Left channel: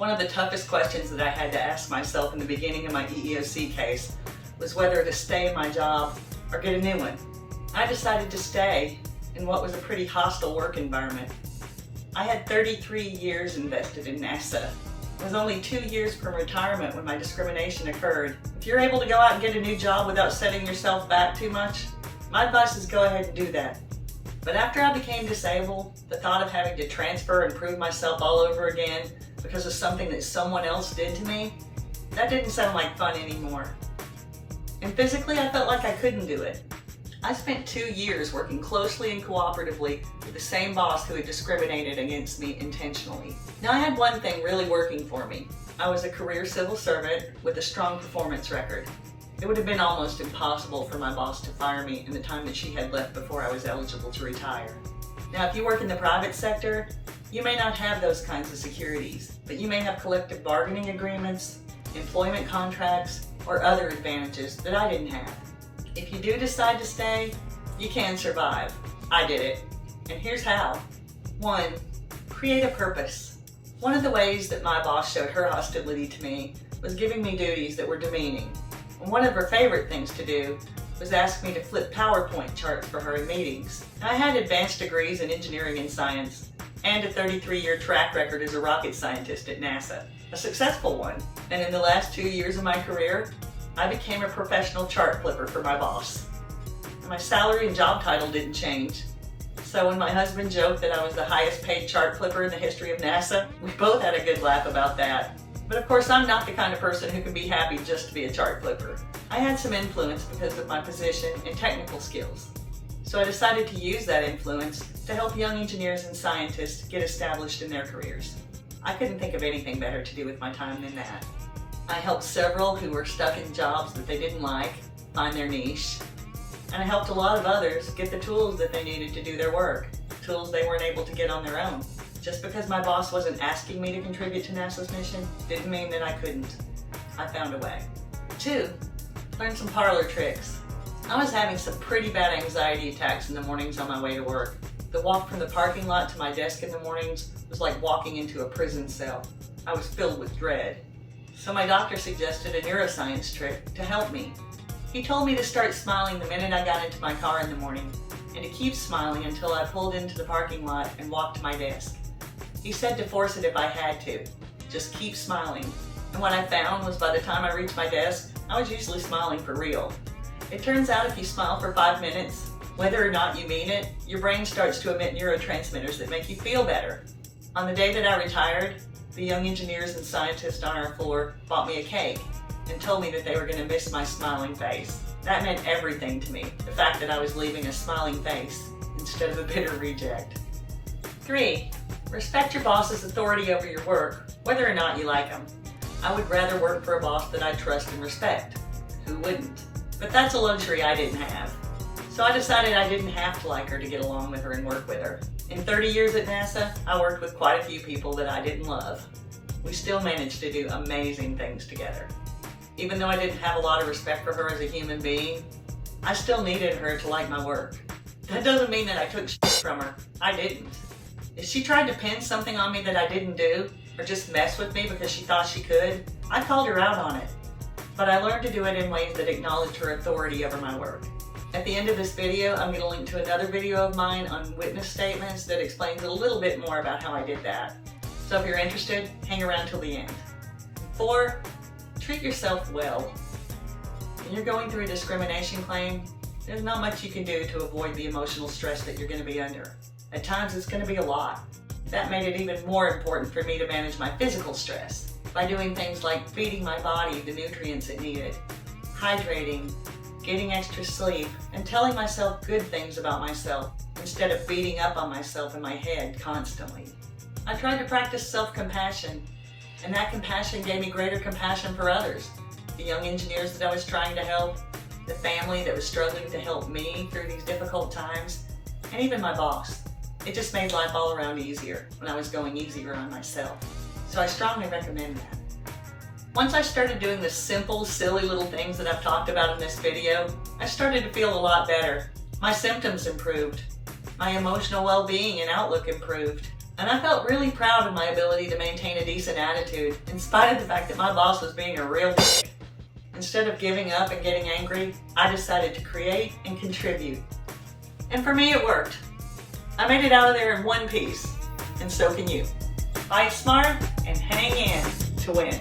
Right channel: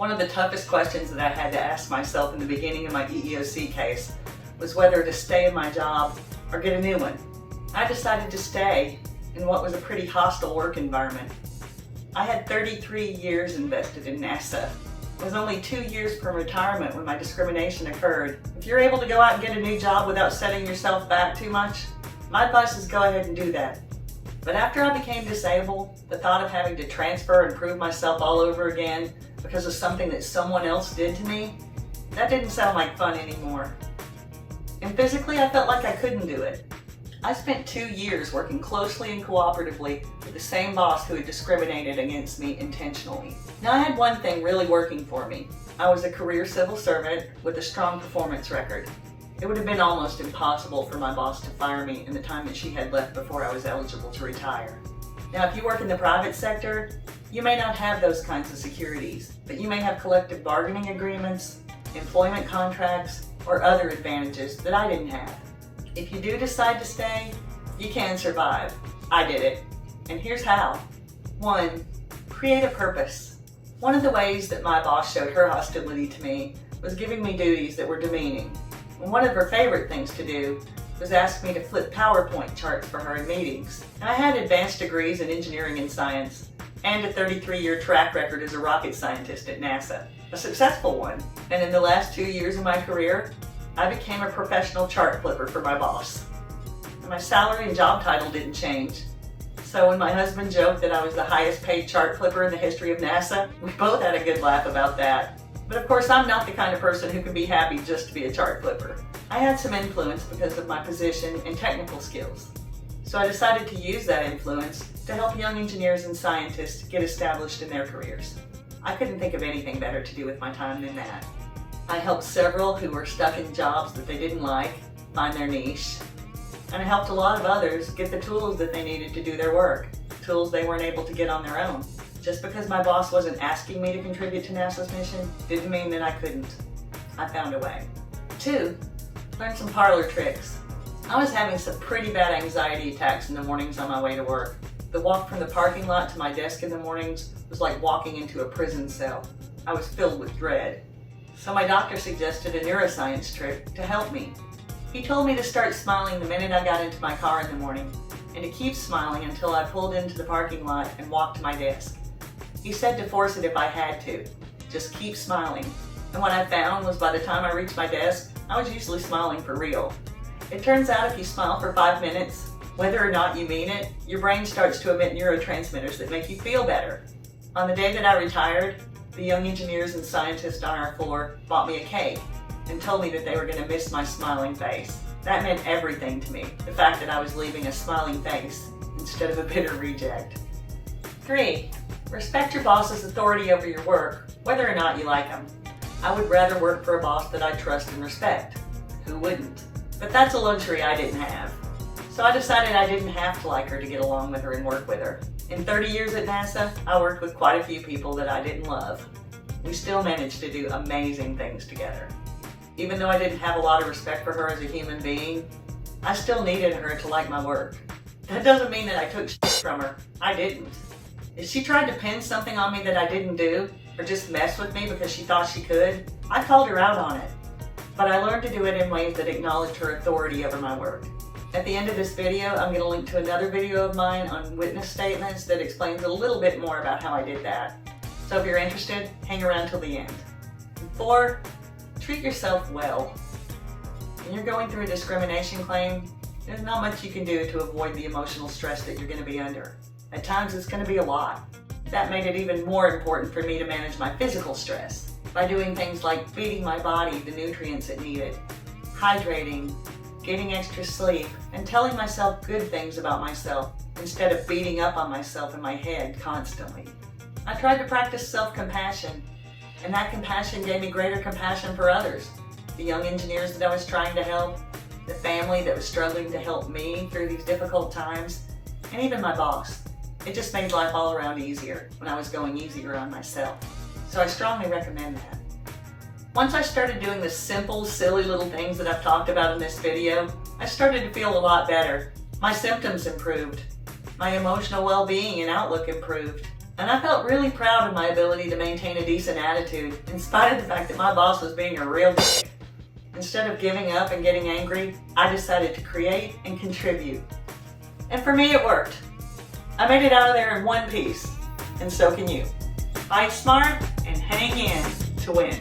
One of the toughest questions that I had to ask myself in the beginning of my EEOC case was whether to stay in my job or get a new one. I decided to stay in what was a pretty hostile work environment. I had 33 years invested in NASA. It was only 2 years from retirement when my discrimination occurred. If you're able to go out and get a new job without setting yourself back too much, my advice is go ahead and do that. But after I became disabled, the thought of having to transfer and prove myself all over again because of something that someone else did to me, that didn't sound like fun anymore. And physically, I felt like I couldn't do it. I spent 2 years working closely and cooperatively with the same boss who had discriminated against me intentionally. Now, I had one thing really working for me. I was a career civil servant with a strong performance record. It would have been almost impossible for my boss to fire me in the time that she had left before I was eligible to retire. Now, if you work in the private sector, you may not have those kinds of securities, but you may have collective bargaining agreements, employment contracts, or other advantages that I didn't have. If you do decide to stay, you can survive. I did it. And here's how. 1. Create a purpose. One of the ways that my boss showed her hostility to me was giving me duties that were demeaning. And one of her favorite things to do was ask me to flip PowerPoint charts for her in meetings. And I had advanced degrees in engineering and science and a 33-year track record as a rocket scientist at NASA, a successful one. And in the last 2 years of my career, I became a professional chart flipper for my boss. My salary and job title didn't change. So when my husband joked that I was the highest paid chart flipper in the history of NASA, we both had a good laugh about that. But of course, I'm not the kind of person who can be happy just to be a chart flipper. I had some influence because of my position and technical skills. So I decided to use that influence to help young engineers and scientists get established in their careers. I couldn't think of anything better to do with my time than that. I helped several who were stuck in jobs that they didn't like find their niche. And I helped a lot of others get the tools that they needed to do their work, tools they weren't able to get on their own. Just because my boss wasn't asking me to contribute to NASA's mission didn't mean that I couldn't. I found a way. 2. Learn some Parlor tricks. I was having some pretty bad anxiety attacks in the mornings on my way to work. The walk from the parking lot to my desk in the mornings was like walking into a prison cell. I was filled with dread. So my doctor suggested a neuroscience trick to help me. He told me to start smiling the minute I got into my car in the morning, and to keep smiling until I pulled into the parking lot and walked to my desk. He said to force it if I had to. Just keep smiling. And what I found was by the time I reached my desk, I was usually smiling for real. It turns out if you smile for 5 minutes, whether or not you mean it, your brain starts to emit neurotransmitters that make you feel better. On the day that I retired, the young engineers and scientists on our floor bought me a cake and told me that they were going to miss my smiling face. That meant everything to me, the fact that I was leaving a smiling face instead of a bitter reject. 3. Respect your boss's authority over your work, whether or not you like them. I would rather work for a boss that I trust and respect. Who wouldn't? But that's a luxury I didn't have. So I decided I didn't have to like her to get along with her and work with her. In 30 years at NASA, I worked with quite a few people that I didn't love. We still managed to do amazing things together. Even though I didn't have a lot of respect for her as a human being, I still needed her to like my work. That doesn't mean that I took shit from her. I didn't. If she tried to pin something on me that I didn't do, or just mess with me because she thought she could, I called her out on it. But I learned to do it in ways that acknowledged her authority over my work. At the end of this video, I'm going to link to another video of mine on witness statements that explains a little bit more about how I did that. So if you're interested, hang around till the end. 4. Treat yourself well. When you're going through a discrimination claim, there's not much you can do to avoid the emotional stress that you're going to be under. At times, it's going to be a lot. That made it even more important for me to manage my physical stress by doing things like feeding my body the nutrients it needed, hydrating, getting extra sleep, and telling myself good things about myself instead of beating up on myself in my head constantly. I tried to practice self-compassion, and that compassion gave me greater compassion for others. The young engineers that I was trying to help, the family that was struggling to help me through these difficult times, and even my boss. It just made life all around easier when I was going easier on myself. So I strongly recommend that. Once I started doing the simple, silly little things that I've talked about in this video, I started to feel a lot better. My symptoms improved. My emotional well-being and outlook improved. And I felt really proud of my ability to maintain a decent attitude in spite of the fact that my boss was being a real dick. Instead of giving up and getting angry, I decided to create and contribute. And for me, it worked. I made it out of there in one piece, and so can you. Fight smart and hang in to win.